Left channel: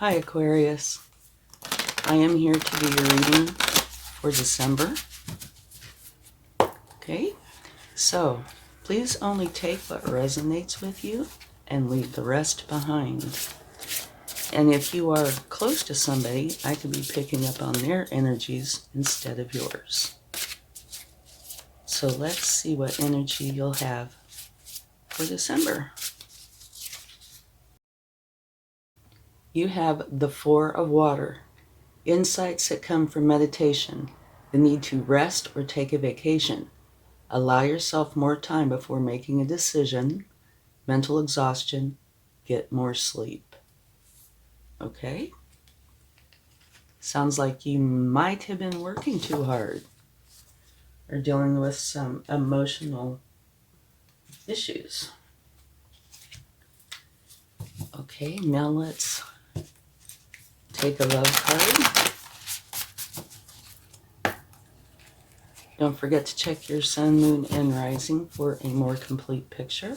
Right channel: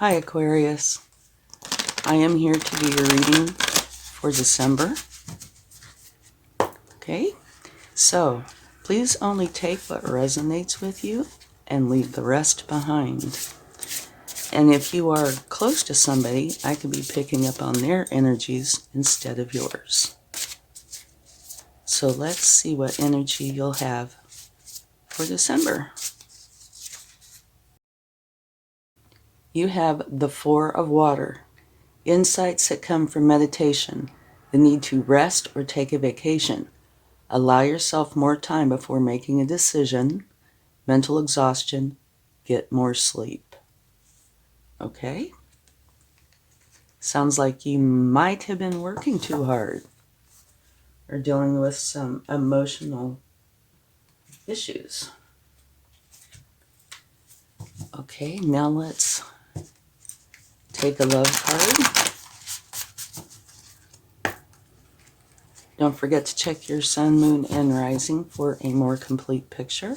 Hi Aquarius, I am here to do your reading for December. Okay, so please only take what resonates with you and leave the rest behind. And if you are close to somebody, I could be picking up on their energies instead of yours. So let's see what energy you'll have for December. You have the Four of Water, insights that come from meditation, the need to rest or take a vacation. Allow yourself more time before making a decision, mental exhaustion, get more sleep. Okay? Sounds like you might have been working too hard or dealing with some emotional issues. Okay, now let's take a love card. Don't forget to check your sun, moon, and rising for a more complete picture.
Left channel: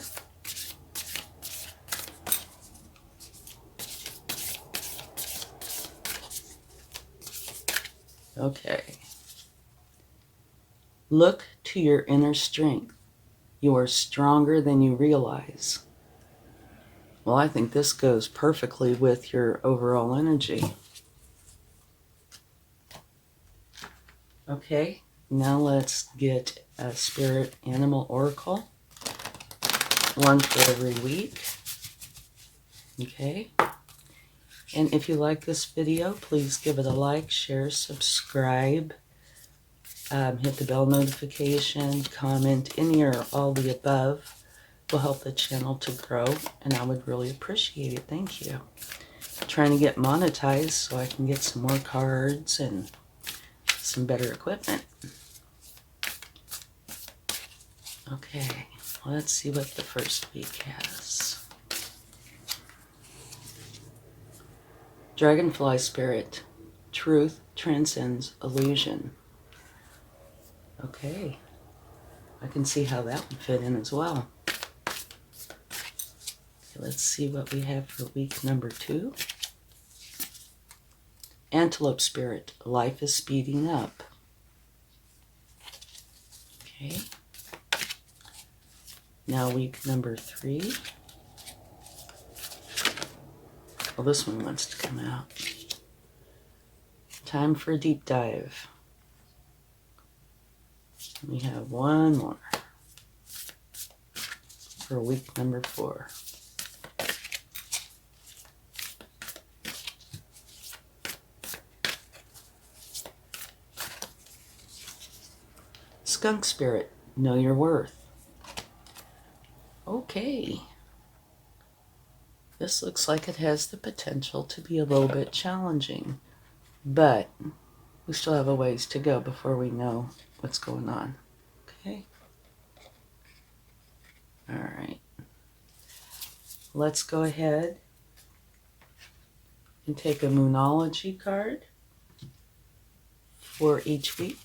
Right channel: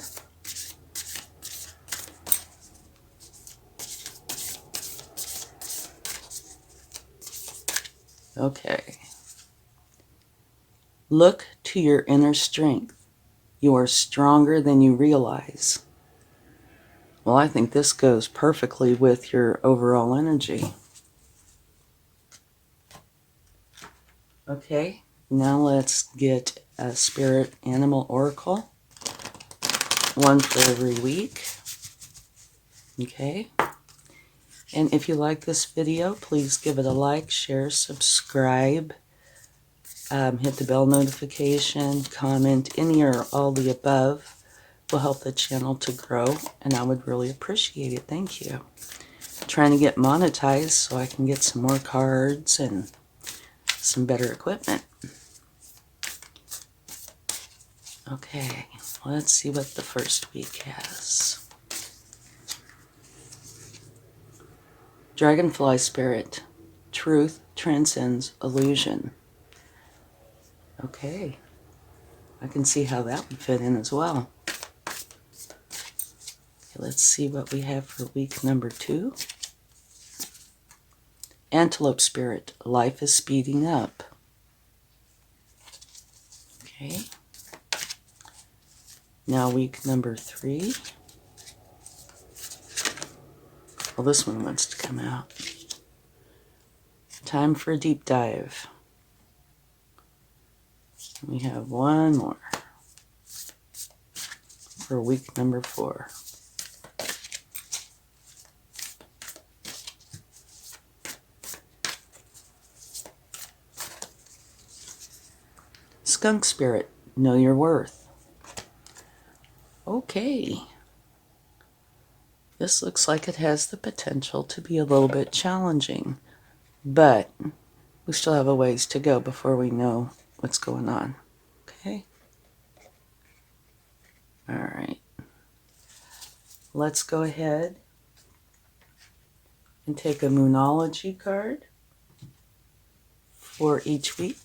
Okay. Look to your inner strength. You are stronger than you realize. Well, I think this goes perfectly with your overall energy. Okay, now let's get a spirit animal oracle. One for every week. Okay. And if you like this video, please give it a like, share, subscribe, hit the bell notification, comment, any or all the above will help the channel to grow, and I would really appreciate it. Thank you. I'm trying to get monetized so I can get some more cards and some better equipment. Okay, let's see what the first week has. Dragonfly Spirit, truth transcends illusion. Okay, I can see how that would fit in as well. Okay, let's see what we have for week number 2. Antelope Spirit, life is speeding up. Okay. Now week number 3. Well, this one wants to come out. Time for a deep dive. We have one more for week number 4. Skunk Spirit, know your worth. Okay. This looks like it has the potential to be a little bit challenging, but we still have a ways to go before we know what's going on. Okay? All right. Let's go ahead and take a Moonology card for each week.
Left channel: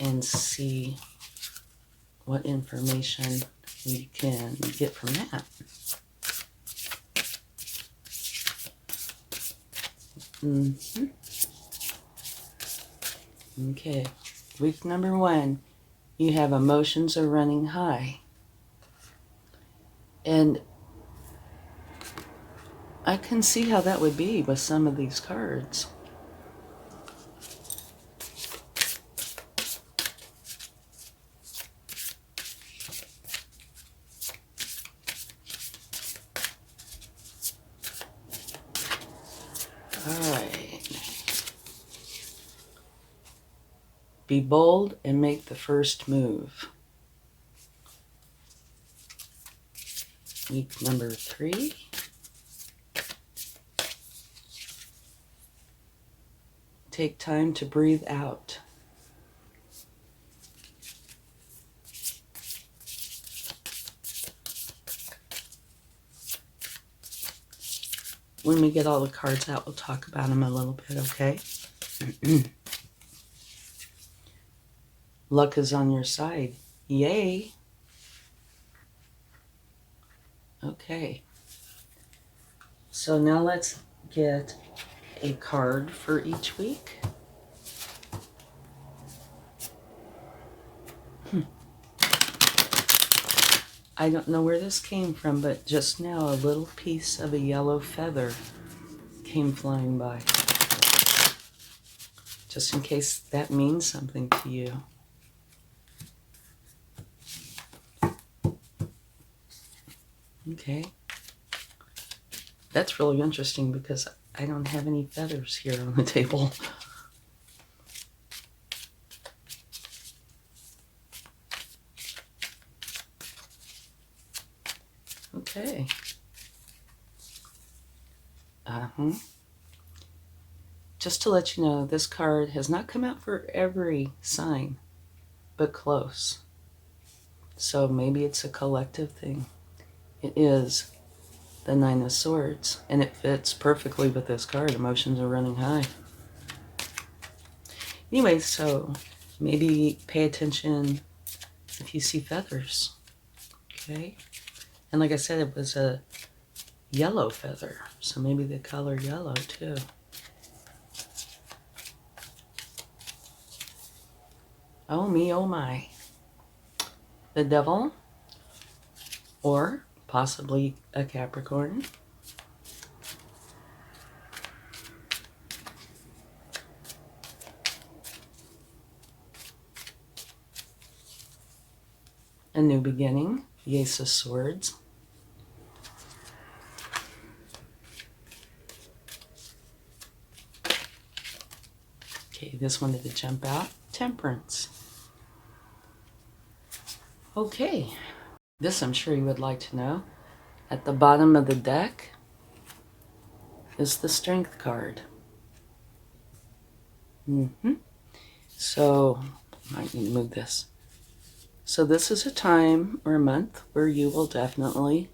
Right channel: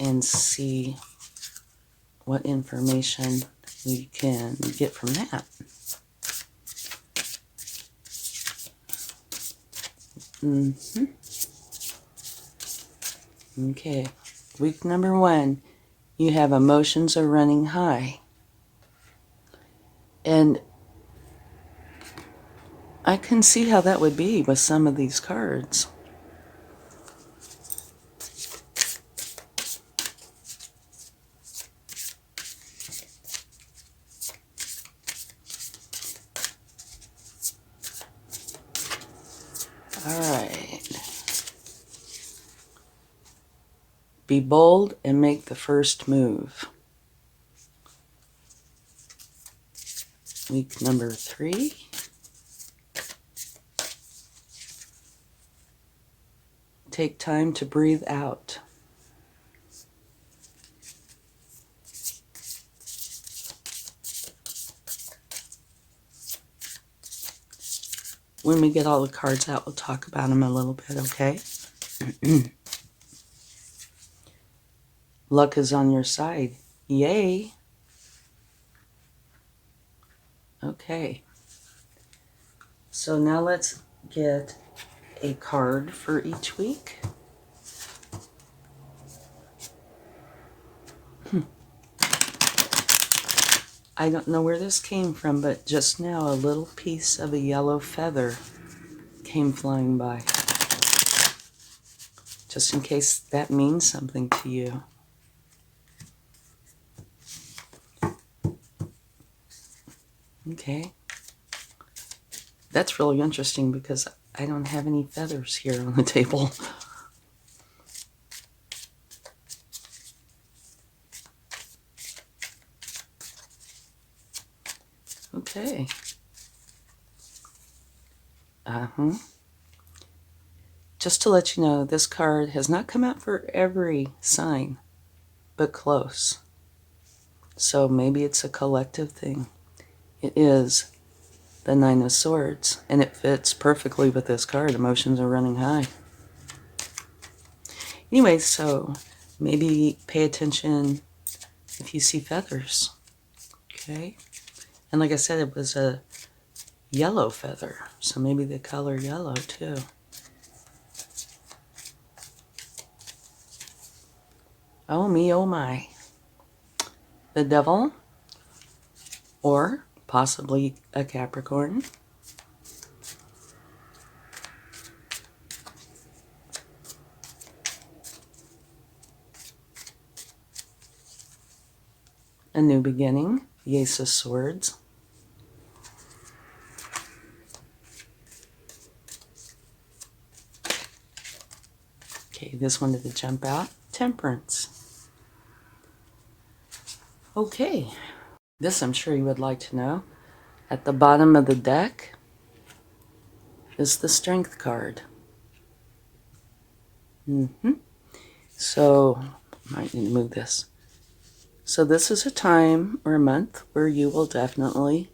And see what information we can get from that. Okay, week number 1, you have emotions are running high. And I can see how that would be with some of these cards. All right. Be bold and make the first move. Week number 3. Take time to breathe out. When we get all the cards out, we'll talk about them a little bit, okay? Luck is on your side. Yay! Okay. So now let's get a card for each week. I don't know where this came from, but just now a little piece of a yellow feather came flying by. Just in case that means something to you. Okay. That's really interesting because I don't have any feathers here on the table. Okay. Just to let you know, this card has not come out for every sign, but close. So maybe it's a collective thing. It is the Nine of Swords, and it fits perfectly with this card. Emotions are running high. Anyway, so maybe pay attention if you see feathers. Okay? And like I said, it was a yellow feather, so maybe the color yellow too. Oh me, oh my. The Devil, or possibly a Capricorn. A New Beginning, the Ace of Swords. Okay, this one did jump out. Temperance. Okay, this I'm sure you would like to know. At the bottom of the deck is the Strength card. So, I might need to move this. So this is a time or a month where you will definitely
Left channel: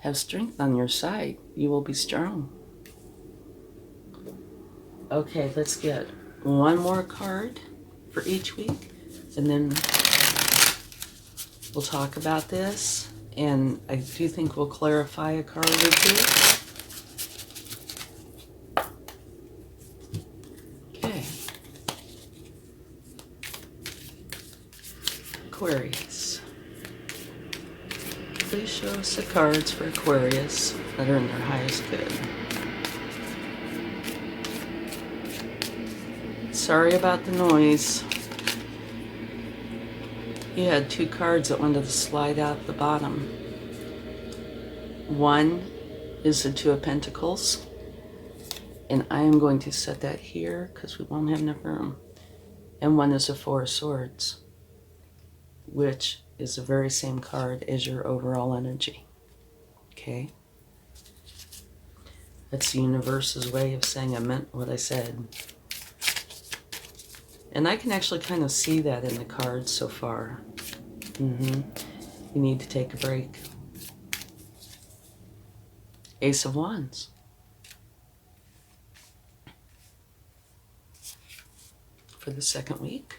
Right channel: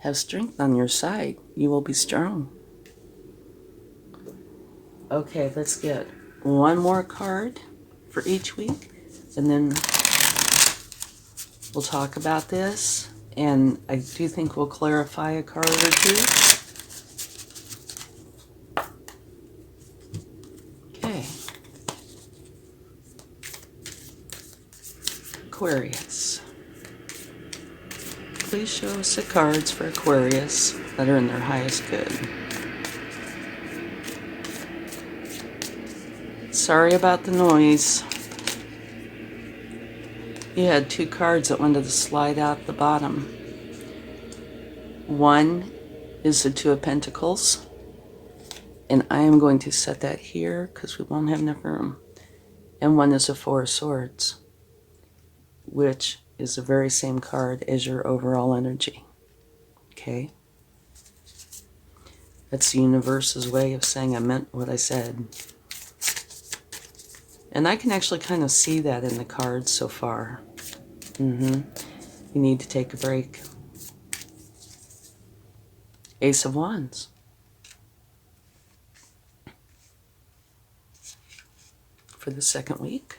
have strength on your side. You will be strong. Okay, let's get one more card for each week, and then we'll talk about this, and I do think we'll clarify a card or two. Okay. Aquarius. Please show us the cards for Aquarius that are in their highest good. Sorry about the noise. You had two cards that wanted to slide out the bottom. One is the Two of Pentacles, and I am going to set that here because we won't have enough room. And one is the Four of Swords, which is the very same card as your overall energy. Okay? That's the universe's way of saying I meant what I said. And I can actually kind of see that in the cards so far. You need to take a break. Ace of Wands. For the second week.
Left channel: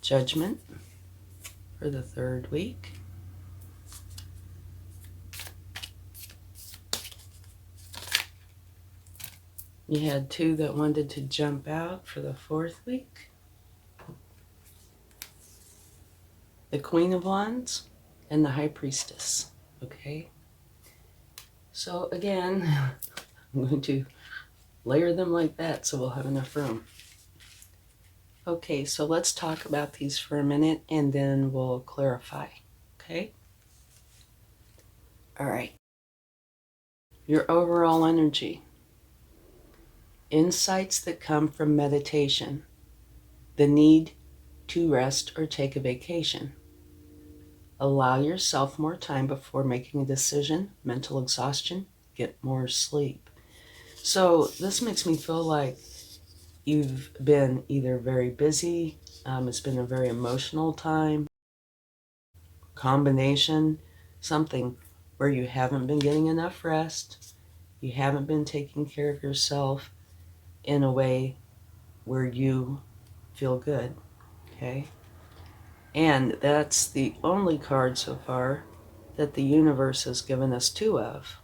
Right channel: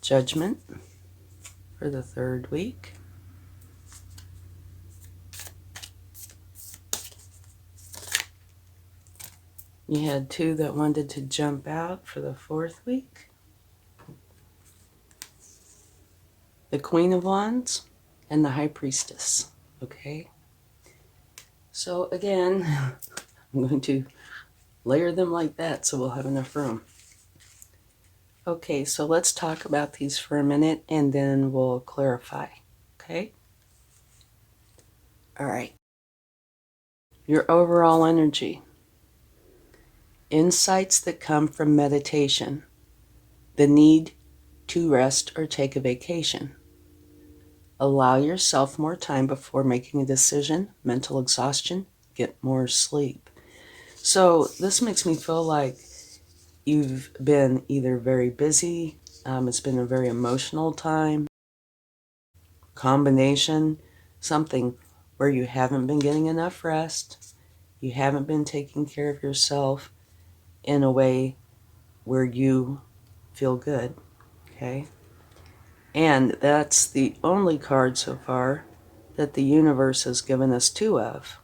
Judgment for the third week. You had two that wanted to jump out for the fourth week. The Queen of Wands and the High Priestess. Okay? So again, I'm going to layer them like that so we'll have enough room. Okay, so let's talk about these for a minute and then we'll clarify. Okay? All right. Your overall energy. Insights that come from meditation. The need to rest or take a vacation. Allow yourself more time before making a decision. Mental exhaustion. Get more sleep. So this makes me feel like you've been either very busy, it's been a very emotional time, combination, something where you haven't been getting enough rest, You haven't been taking care of yourself in a way where you feel good, okay? And that's the only card so far that the universe has given us two of.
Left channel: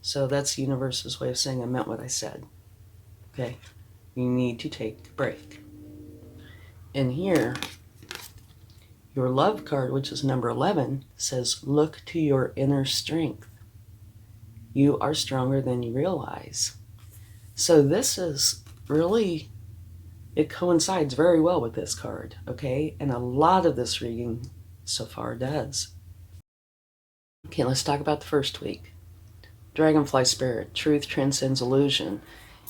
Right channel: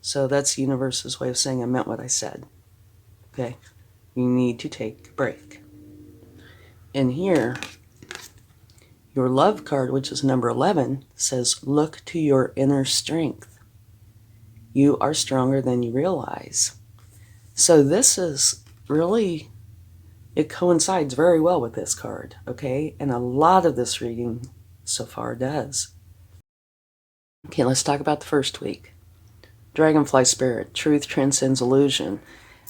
So that's the universe's way of saying I meant what I said, okay? You need to take a break. And here, your love card, which is number 11, says, look to your inner strength. You are stronger than you realize. So this is really, it coincides very well with this card, okay? And a lot of this reading so far does. Okay, let's talk about the first week. Dragonfly Spirit, truth transcends illusion.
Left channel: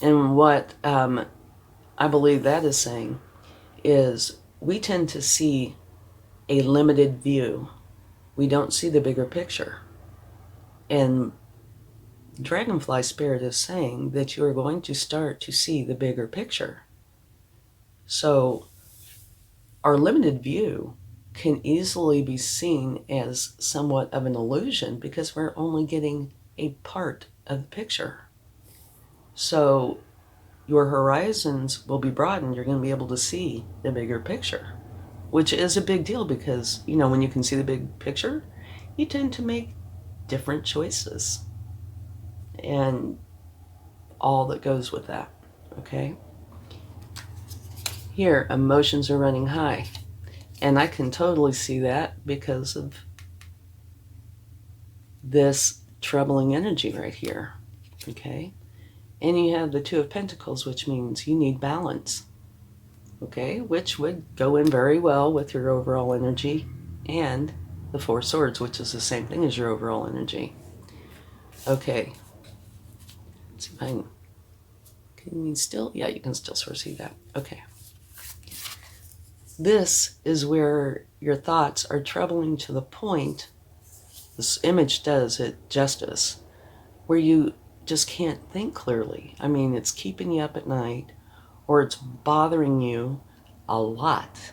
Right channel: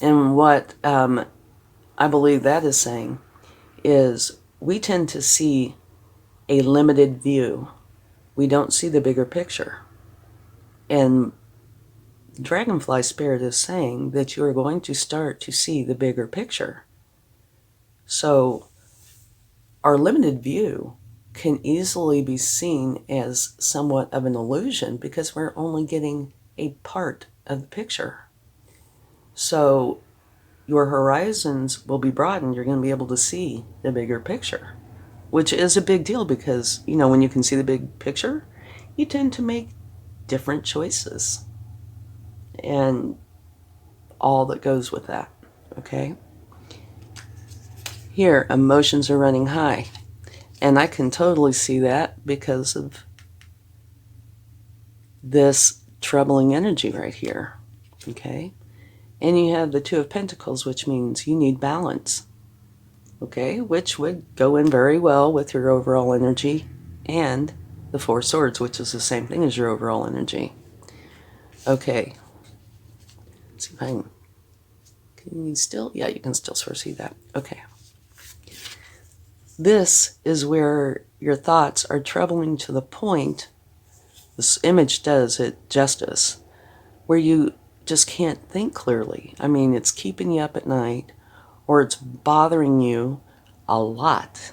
And what I believe that is saying is we tend to see a limited view. We don't see the bigger picture. And Dragonfly Spirit is saying that you are going to start to see the bigger picture. So our limited view can easily be seen as somewhat of an illusion because we're only getting a part of the picture. So your horizons will be broadened. You're going to be able to see the bigger picture, which is a big deal because, you know, when you can see the big picture, you tend to make different choices and all that goes with that, okay? Here, emotions are running high. And I can totally see that because of this troubling energy right here, okay? And you have the Two of Pentacles, which means you need balance, okay? Which would go in very well with your overall energy, and the Four Swords, which is the same thing as your overall energy. Okay. Let's see if I can you still, yeah, you can still sort of see that. Okay. This is where your thoughts are troubling to the point, this image does it justice, where you just can't think clearly. I mean, it's keeping you up at night, or it's bothering you a lot.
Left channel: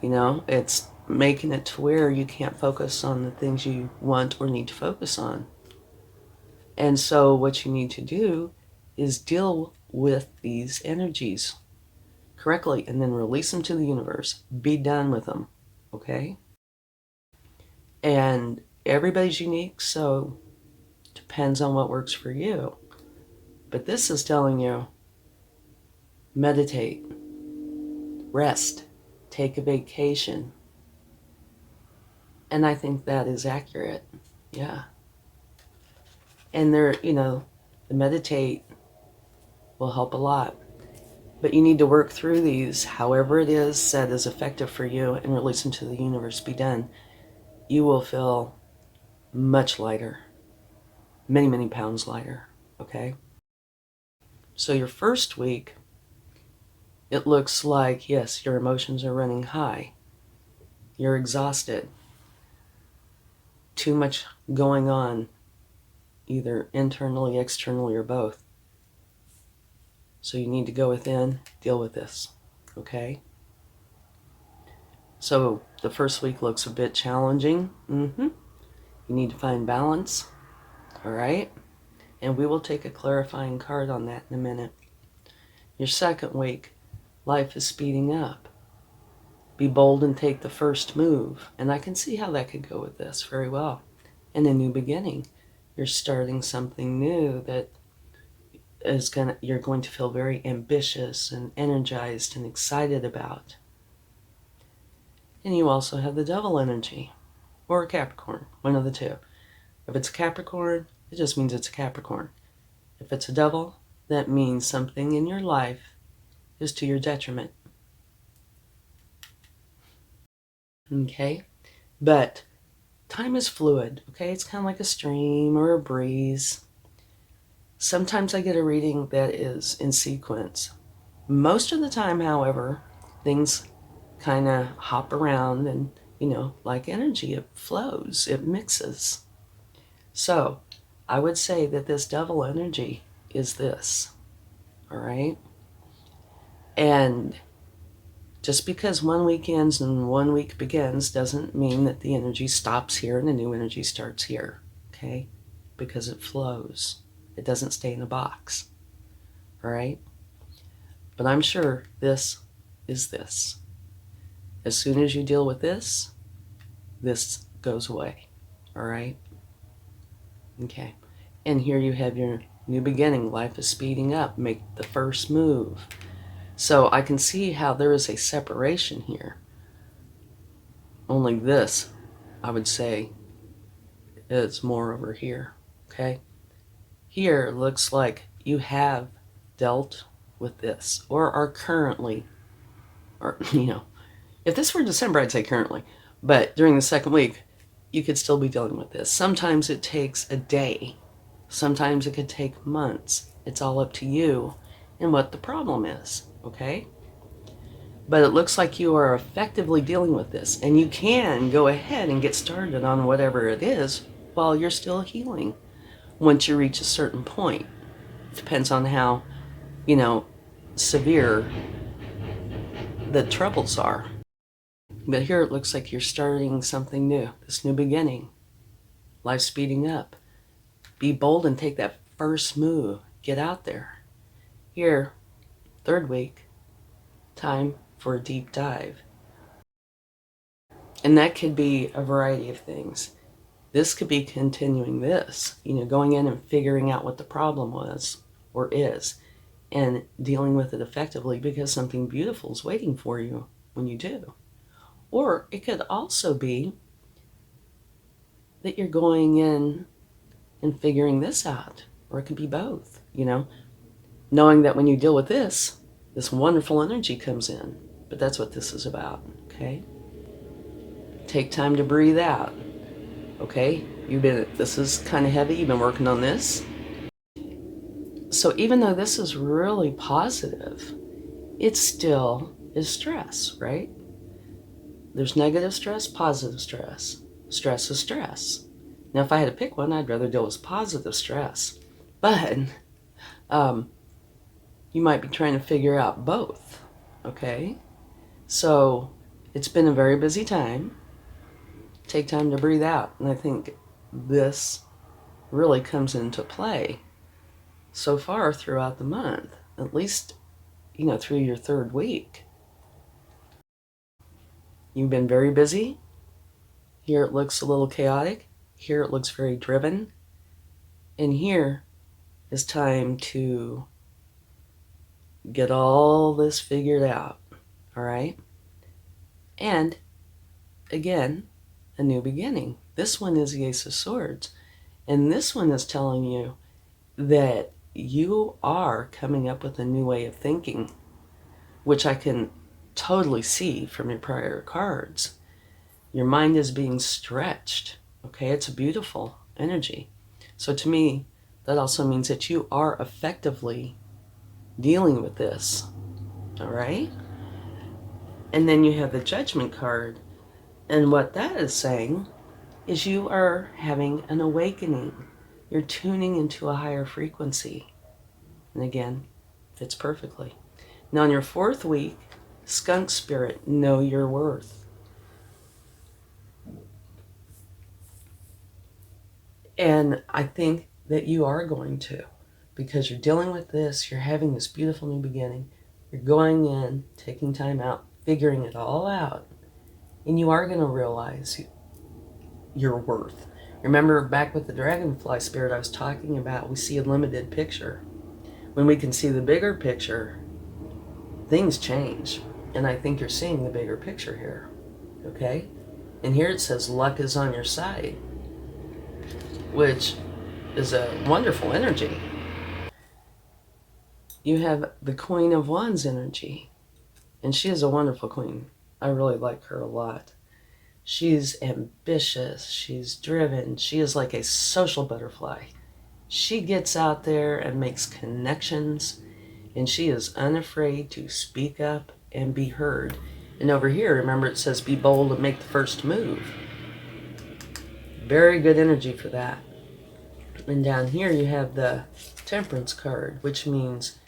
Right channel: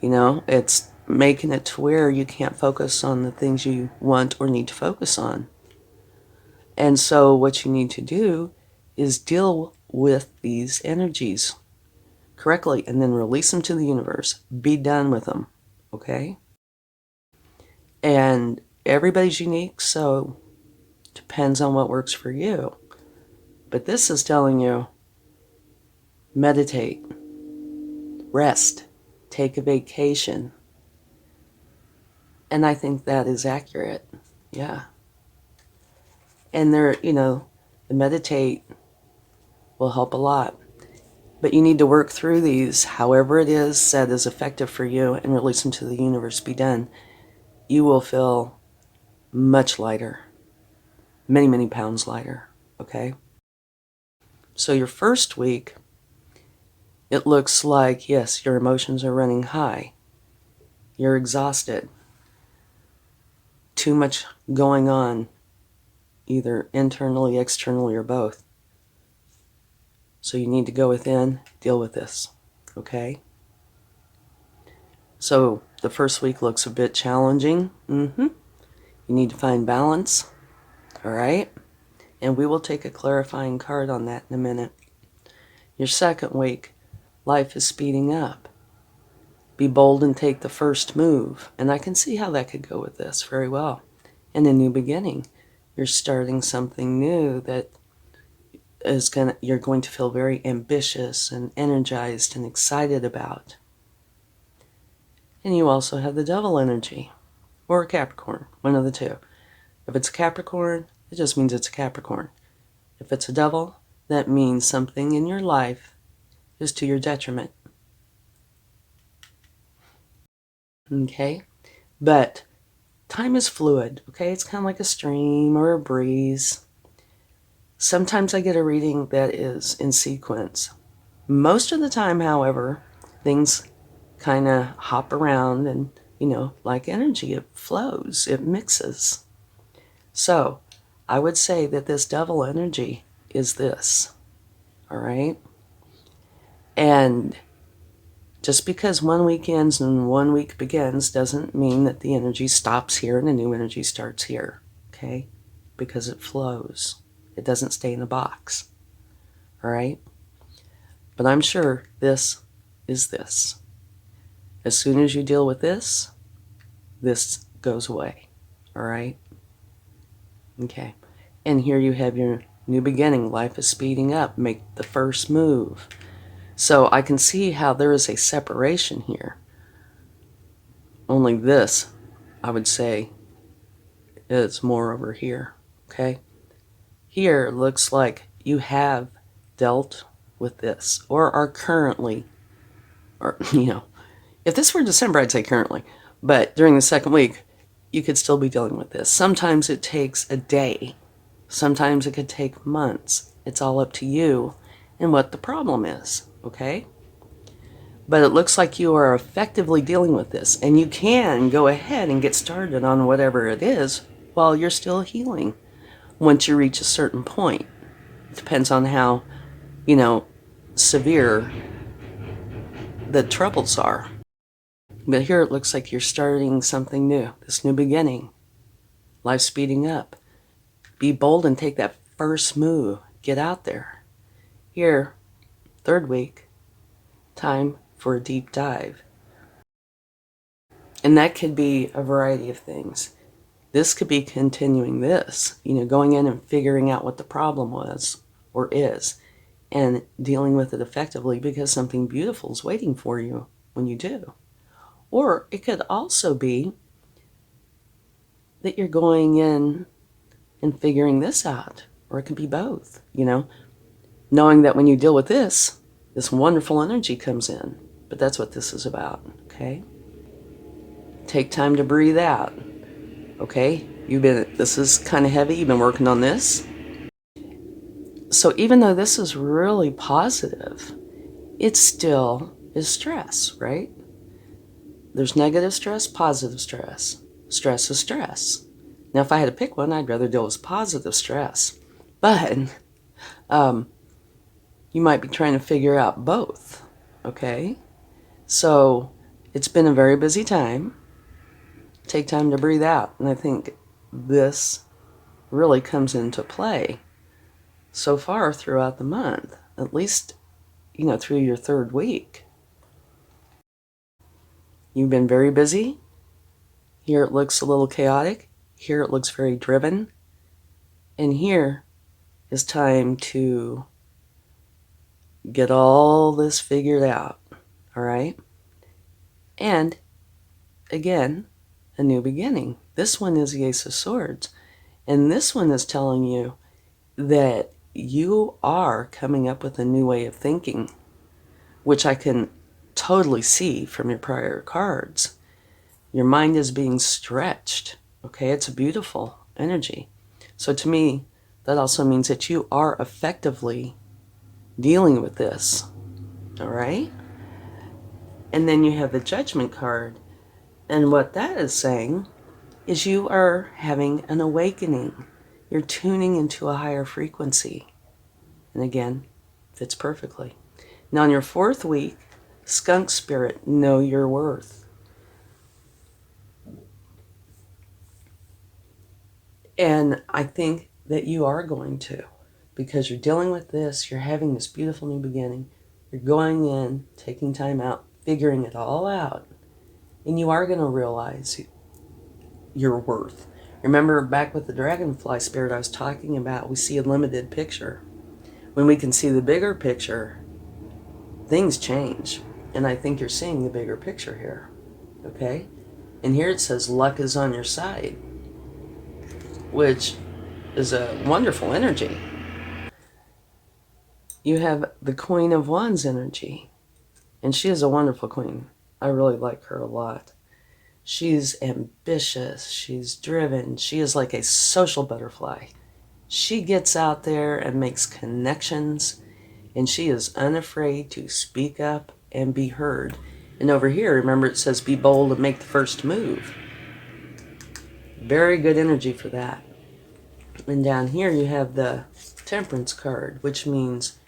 You know, it's making it to where you can't focus on the things you want or need to focus on. And so what you need to do is deal with these energies correctly and then release them to the universe. Be done with them, okay? And everybody's unique, so depends on what works for you. But this is telling you, meditate, rest, take a vacation. And I think that is accurate, yeah. And there, you know, the meditate will help a lot. But you need to work through these, however it is that is effective for you, and release them to the universe. Be done. You will feel much lighter, many, many pounds lighter, okay? So your first week, it looks like, yes, your emotions are running high. You're exhausted. Too much going on, either internally, externally, or both. So you need to go within, deal with this, okay? So the first week looks a bit challenging. You need to find balance, all right? And we will take a clarifying card on that in a minute. Your second week, life is speeding up. Be bold and take the first move. And I can see how that could go with this very well. And a new beginning. You're starting something new that is you're going to feel very ambitious and energized and excited about. And you also have the Devil energy, or a Capricorn, one of the two. If it's a Capricorn, it just means it's a Capricorn. If it's a Devil, that means something in your life is to your detriment. Okay? But time is fluid, okay? It's kind of like a stream or a breeze. Sometimes I get a reading that is in sequence. Most of the time, however, things kind of hop around and, you know, like energy, it flows, it mixes. So I would say that this Devil energy is this, all right? And just because one week ends and one week begins doesn't mean that the energy stops here and a new energy starts here, okay? Because it flows. It doesn't stay in a box. All right? But I'm sure this is this. As soon as you deal with this, this goes away. All right? Okay. And here you have your new beginning. Life is speeding up. Make the first move. So I can see how there is a separation here. Only this, I would say, is more over here. Okay? Here it looks like you have dealt with this or are currently, or, if this were December, I'd say currently. But during the second week, you could still be dealing with this. Sometimes it takes a day. Sometimes it could take months. It's all up to you and what the problem is, okay? But it looks like you are effectively dealing with this, and you can go ahead and get started on whatever it is while you're still healing once you reach a certain point. Depends on how, severe the troubles are. But here it looks like you're starting something new, this new beginning. Life speeding up. Be bold and take that first move. Get out there. Here, third week, time for a deep dive. And that could be a variety of things. This could be continuing this, going in and figuring out what the problem was or is and dealing with it effectively because something beautiful is waiting for you when you do. Or it could also be that you're going in and figuring this out, or it could be both, knowing that when you deal with this wonderful energy comes in. But that's what this is about, okay? Take time to breathe out, okay? This is kind of heavy, you've been working on this. So even though this is really positive, it still is stress, right? There's negative stress, positive stress. Stress is stress. Now, if I had to pick one, I'd rather deal with positive stress. But you might be trying to figure out both, okay? So it's been a very busy time. Take time to breathe out. And I think this really comes into play so far throughout the month, at least, through your third week. You've been very busy. Here it looks a little chaotic. Here it looks very driven. And here is time to get all this figured out, all right? And again, a new beginning. This one is the Ace of Swords. And this one is telling you that you are coming up with a new way of thinking, which I can totally see from your prior cards. Your mind is being stretched, okay? It's a beautiful energy. So to me, that also means that you are effectively dealing with this, all right? And then you have the Judgment card. And what that is saying is you are having an awakening. You're tuning into a higher frequency. And again, fits perfectly. Now in your fourth week, Skunk Spirit, know your worth. And I think that you are going to, because you're dealing with this, you're having this beautiful new beginning, you're going in, taking time out, figuring it all out, and you are going to realize your worth. Remember back with the dragonfly spirit I was talking about, we see a limited picture. When we can see the bigger picture, things change. And I think you're seeing the bigger picture here, okay? And here it says luck is on your side, which is a wonderful energy. You have the Queen of Wands energy, and she is a wonderful queen. I really like her a lot. She's ambitious, she's driven, she is like a social butterfly. She gets out there and makes connections, and she is unafraid to speak up and be heard. And over here, remember it says be bold and make the first move. Very good energy for that. And down here you have the Temperance card, which means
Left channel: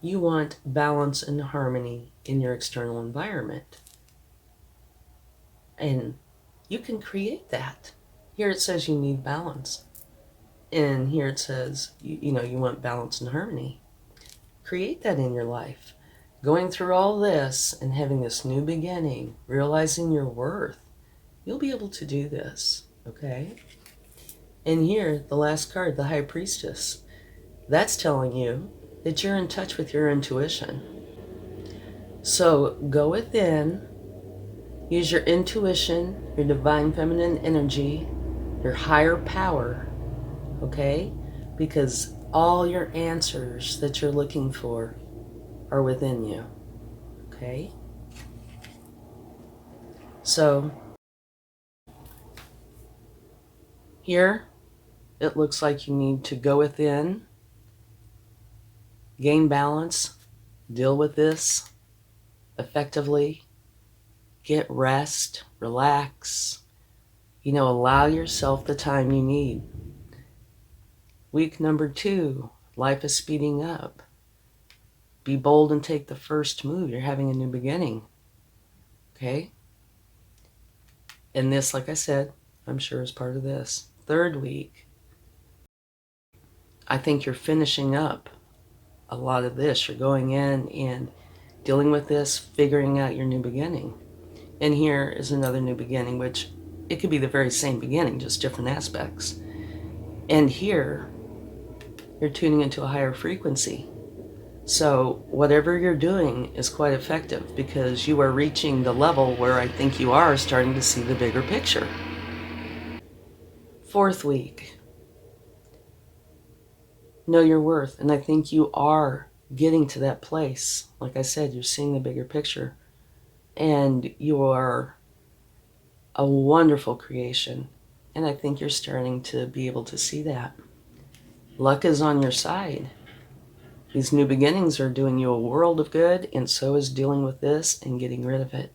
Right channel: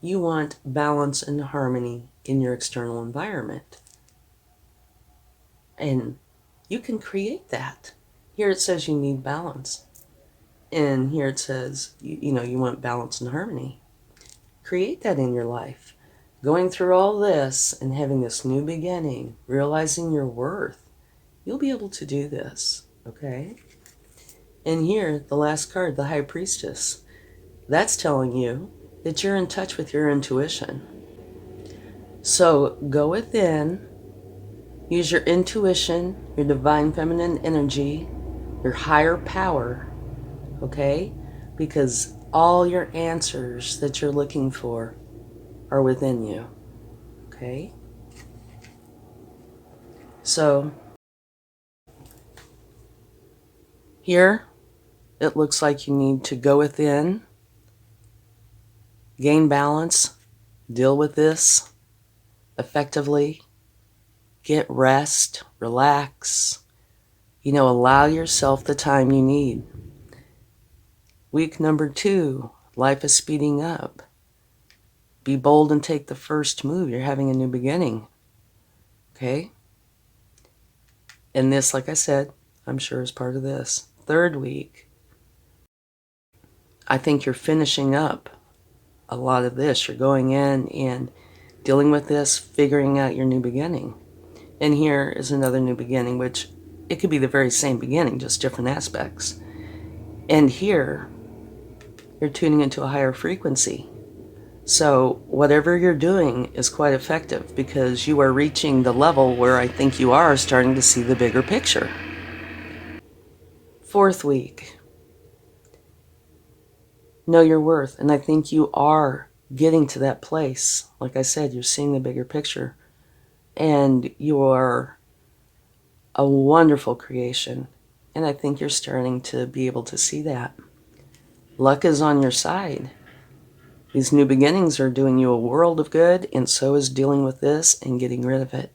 you want balance and harmony in your external environment. And you can create that. Here it says you need balance. And here it says, you know, you want balance and harmony. Create that in your life. Going through all this and having this new beginning, realizing your worth, you'll be able to do this, okay? And here, the last card, the High Priestess, that's telling you that you're in touch with your intuition. So go within, use your intuition, your divine feminine energy, your higher power, okay? Because all your answers that you're looking for are within you, okay? So here, it looks like you need to go within, gain balance, deal with this effectively, get rest, relax, you know, allow yourself the time you need. Week number 2, life is speeding up. Be bold and take the first move. You're having a new beginning, okay? And this, like I said, I'm sure is part of this. 3rd week, I think you're finishing up a lot of this. You're going in and dealing with this, figuring out your new beginning. And here is another new beginning, which it could be the very same beginning, just different aspects. And here, you're tuning into a higher frequency. So whatever you're doing is quite effective because you are reaching the level where I think you are starting to see the bigger picture. 4th week, know your worth. And I think you are getting to that place. Like I said, you're seeing the bigger picture. And you are a wonderful creation. And I think you're starting to be able to see that. Luck is on your side. These new beginnings are doing you a world of good, and so is dealing with this and getting rid of it.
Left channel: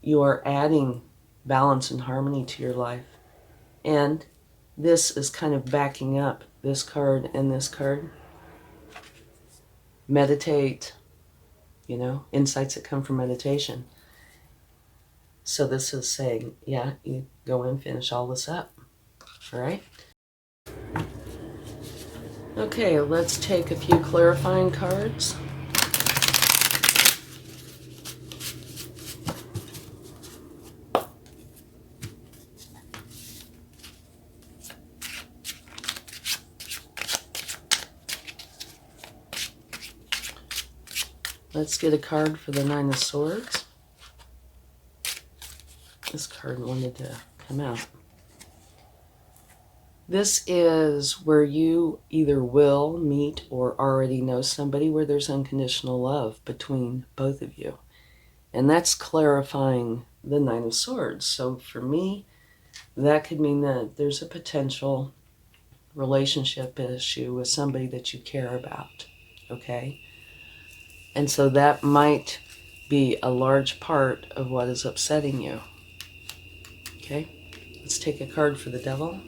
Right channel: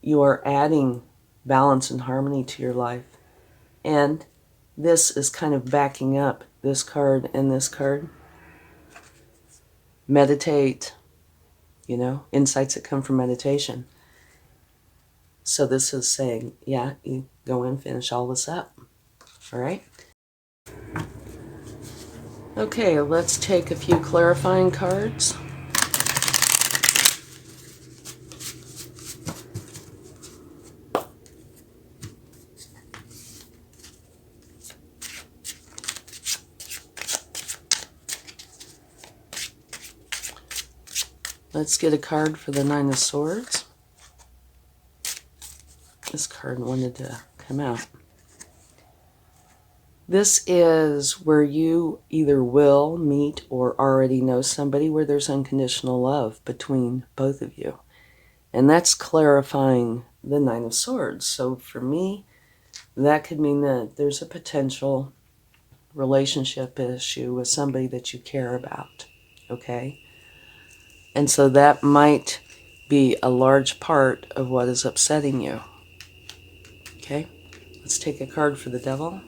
You are adding balance and harmony to your life. And this is kind of backing up this card and this card. Meditate, you know, insights that come from meditation. So this is saying, yeah, you go and finish all this up. All right? Okay, let's take a few clarifying cards. Let's get a card for the 9 of Swords. This card wanted to come out. This is where you either will meet or already know somebody where there's unconditional love between both of you. And that's clarifying the 9 of Swords. So for me, that could mean that there's a potential relationship issue with somebody that you care about, okay? And so that might be a large part of what is upsetting you, okay? Let's take a card for the Devil.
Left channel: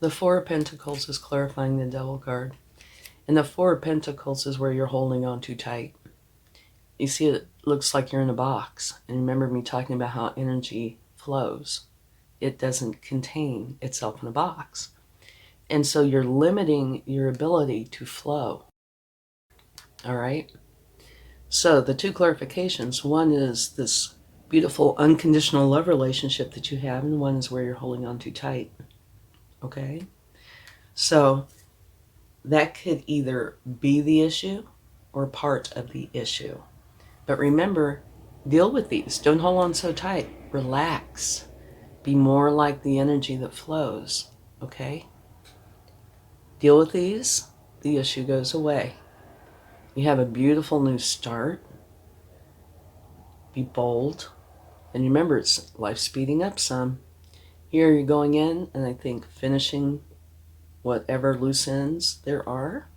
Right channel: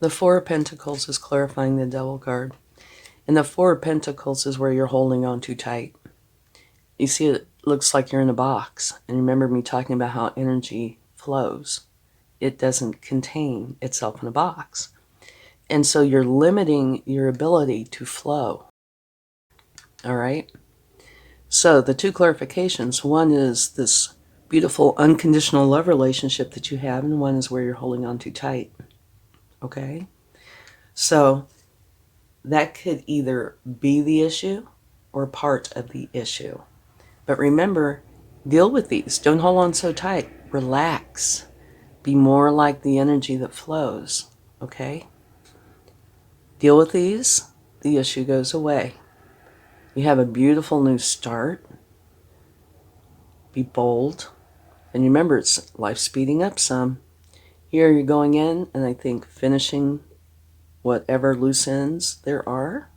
The 4 of Pentacles is clarifying the Devil card. And the 4 of Pentacles is where you're holding on too tight. You see, it looks like you're in a box. And remember me talking about how energy flows. It doesn't contain itself in a box. And so you're limiting your ability to flow. All right? So the 2 clarifications. One is this beautiful unconditional love relationship that you have, and one is where you're holding on too tight. Okay? So that could either be the issue or part of the issue. But remember, deal with these. Don't hold on so tight. Relax. Be more like the energy that flows. Okay? Deal with these. The issue goes away. You have a beautiful new start. Be bold. And remember, it's life speeding up some. Here you're going in, and I think finishing whatever loose ends there are.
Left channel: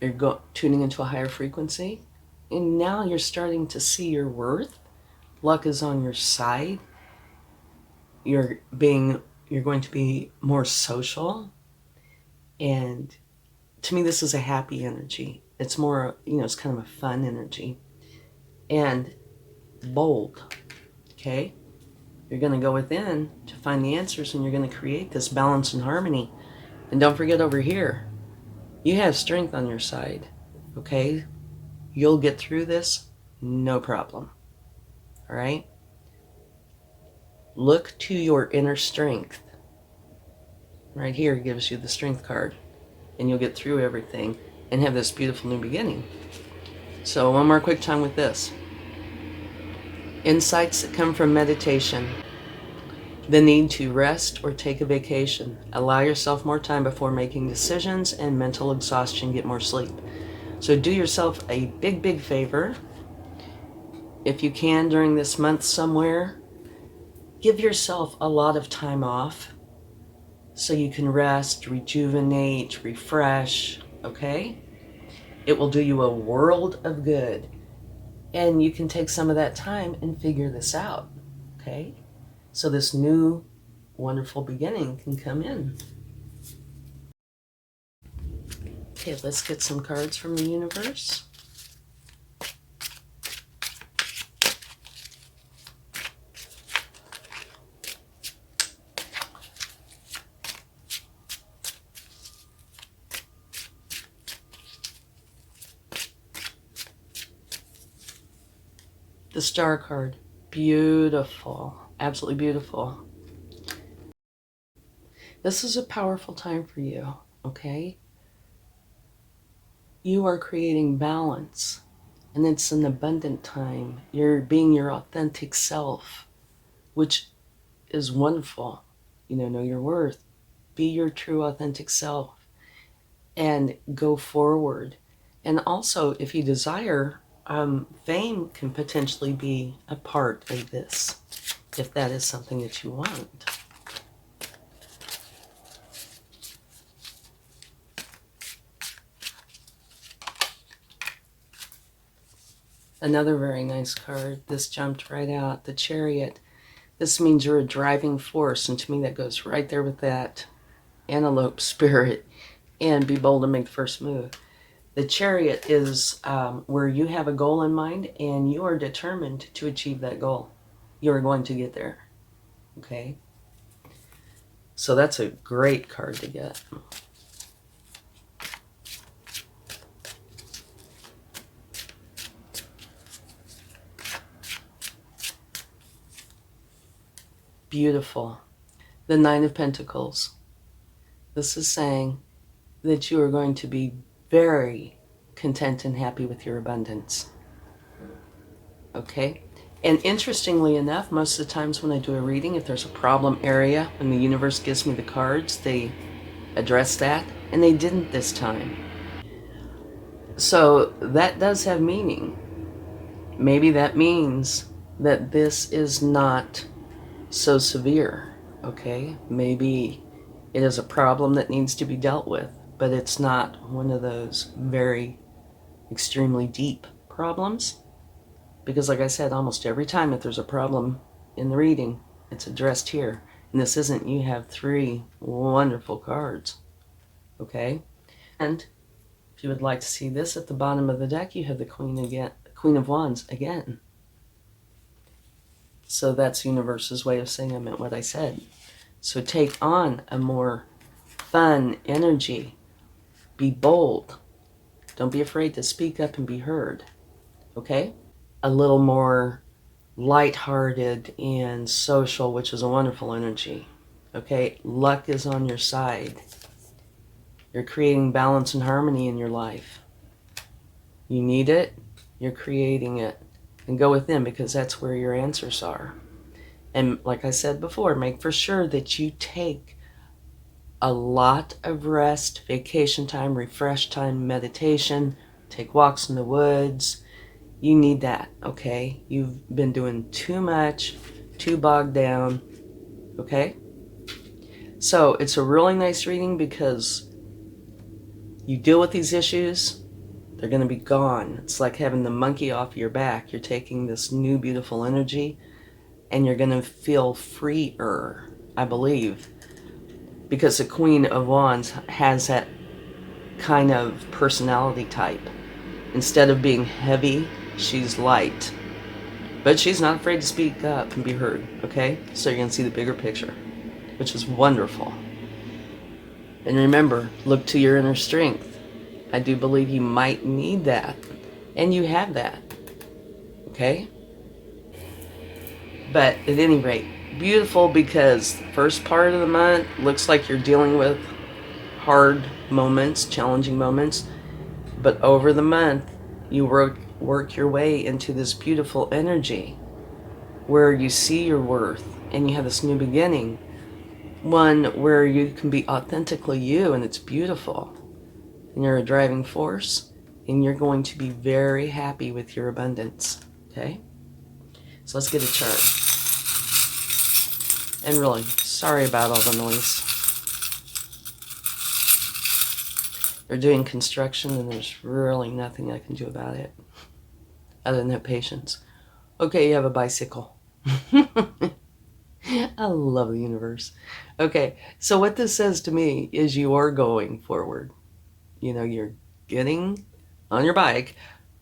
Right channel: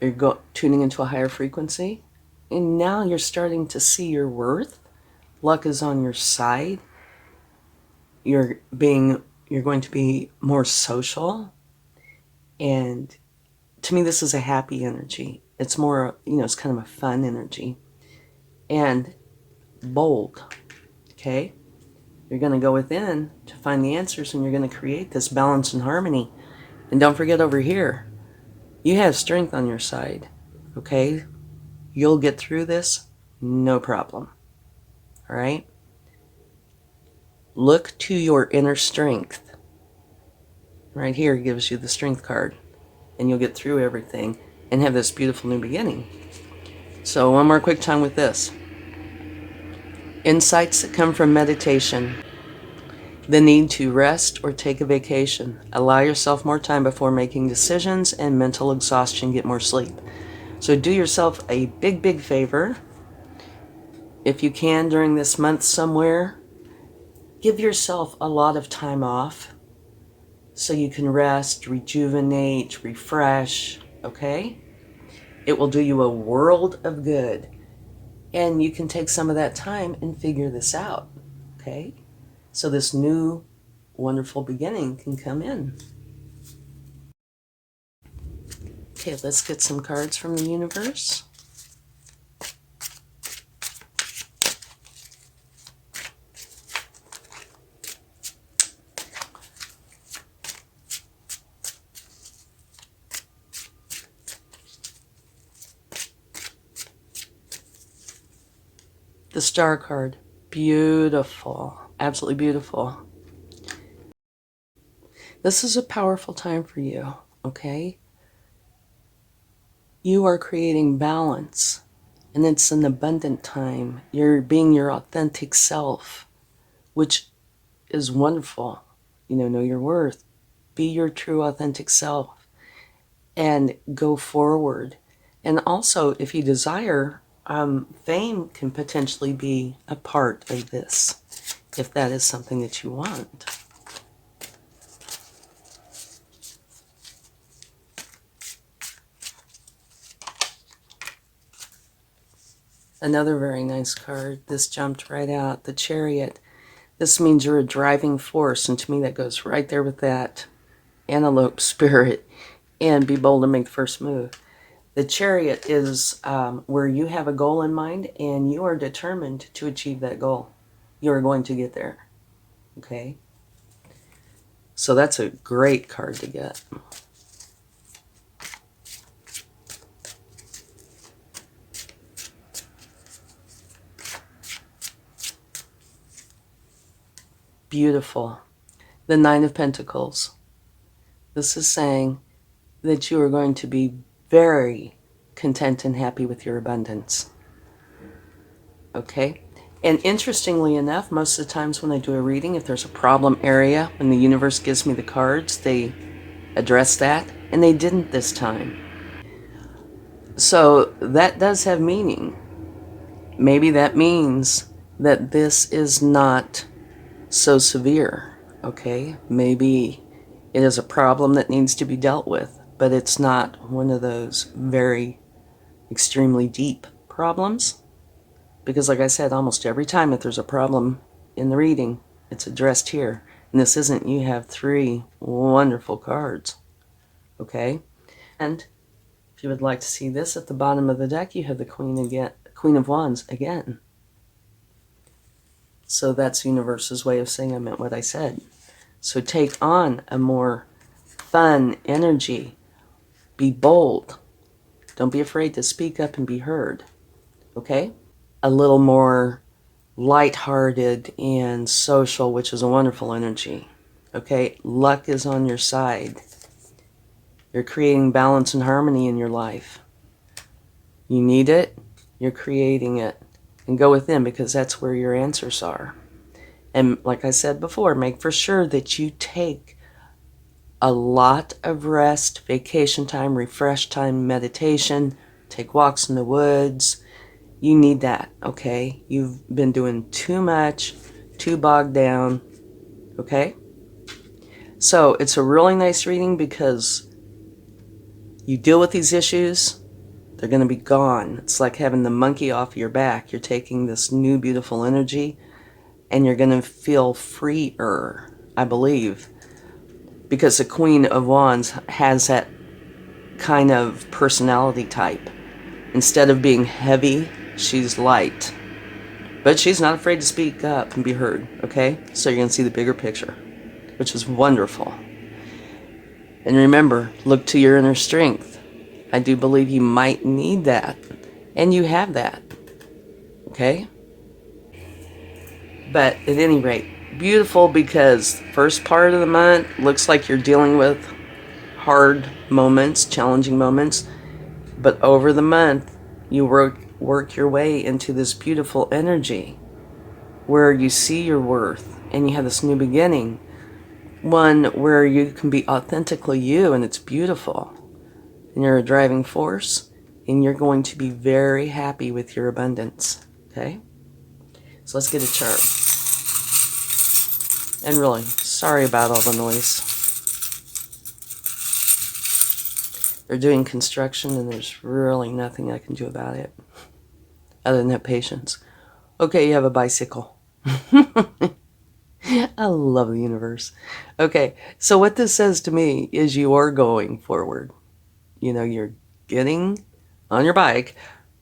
You're tuning into a higher frequency. And now you're starting to see your worth. Luck is on your side. You're being you're going to be more social. And to me, this is a happy energy. It's more, it's kind of a fun energy. And bold, okay? You're going to go within to find the answers, and you're going to create this balance and harmony. And don't forget over here, you have strength on your side, okay? You'll get through this, no problem, all right? Look to your inner strength. Right here gives you the strength card, and you'll get through everything and have this beautiful new beginning. So one more quick time with this. Insights that come from meditation. The need to rest or take a vacation. Allow yourself more time before making decisions, and mental exhaustion, get more sleep. So do yourself a big, big favor. If you can during this month somewhere, give yourself a lot of time off so you can rest, rejuvenate, refresh, okay? It will do you a world of good. And you can take some of that time and figure this out, okay? So this new, wonderful beginning can come in. Okay, let's get some cards from the universe. The Star card, beautiful, absolutely beautiful. This is a powerful time for you, okay? You are creating balance, and it's an abundant time. You're being your authentic self, which is wonderful. Know your worth. Be your true authentic self and go forward. And also, if you desire, fame can potentially be a part of this, if that is something that you want. Another very nice card. This jumped right out. The Chariot. This means you're a driving force, and to me that goes right there with that antelope spirit. And be bold and make the first move. The Chariot is where you have a goal in mind and you are determined to achieve that goal. You're going to get there, okay? So that's a great card to get. Beautiful. The Nine of Pentacles. This is saying that you are going to be very content and happy with your abundance. Okay? And interestingly enough, most of the times when I do a reading, if there's a problem area, when the universe gives me the cards, they address that, and they didn't this time. So that does have meaning. Maybe that means that this is not so severe, okay? Maybe it is a problem that needs to be dealt with, but it's not one of those very extremely deep problems. Because like I said, almost every time that there's a problem in the reading, it's addressed here. And this isn't, you have 3 wonderful cards, okay? And if you would like to see this at the bottom of the deck, you have the Queen of Wands again. So that's the universe's way of saying I meant what I said. So take on a more fun energy. Be bold. Don't be afraid to speak up and be heard. Okay? A little more lighthearted and social, which is a wonderful energy. Okay? Luck is on your side. You're creating balance and harmony in your life. You need it. You're creating it. And go within, because that's where your answers are. And like I said before, make for sure that you take a lot of rest, vacation time, refresh time, meditation, take walks in the woods. You need that, okay? You've been doing too much, too bogged down, okay? So it's a really nice reading because you deal with these issues, they're going to be gone. It's like having the monkey off your back. You're taking this new beautiful energy and you're going to feel freer, I believe. because the Queen of Wands has that kind of personality type. Instead of being heavy, she's light. But she's not afraid to speak up and be heard, okay? So you're going to see the bigger picture, which is wonderful. And remember, look to your inner strength. I do believe you might need that. And you have that, okay? But at any rate, beautiful, because first part of the month looks like you're dealing with hard moments, challenging moments. But over the month, you work your way into this beautiful energy where you see your worth and you have this new beginning. One where you can be authentically you, and it's beautiful. And you're a driving force, and you're going to be very happy with your abundance. Okay? So let's get a chart. And really, sorry about all the noise. They're doing construction, and there's really nothing I can do about it other than have patience. Okay, you have a bicycle. I love the universe. Okay, so what this says to me is you are going forward. You know, you're getting on your bike,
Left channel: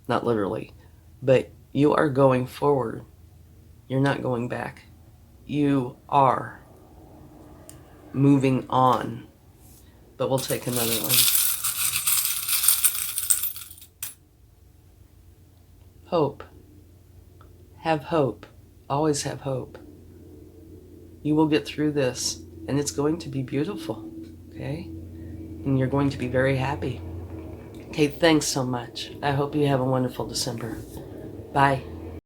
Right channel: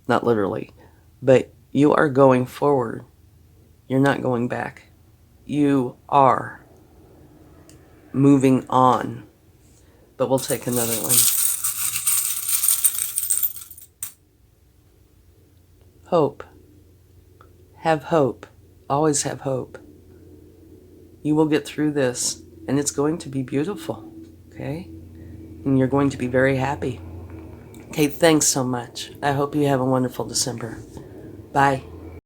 not literally, but you are going forward. You're not going back. You are moving on. But we'll take another one. Hope. Have hope. Always have hope. You will get through this, and it's going to be beautiful, okay? And you're going to be very happy. Okay, thanks so much. I hope you have a wonderful December. Bye.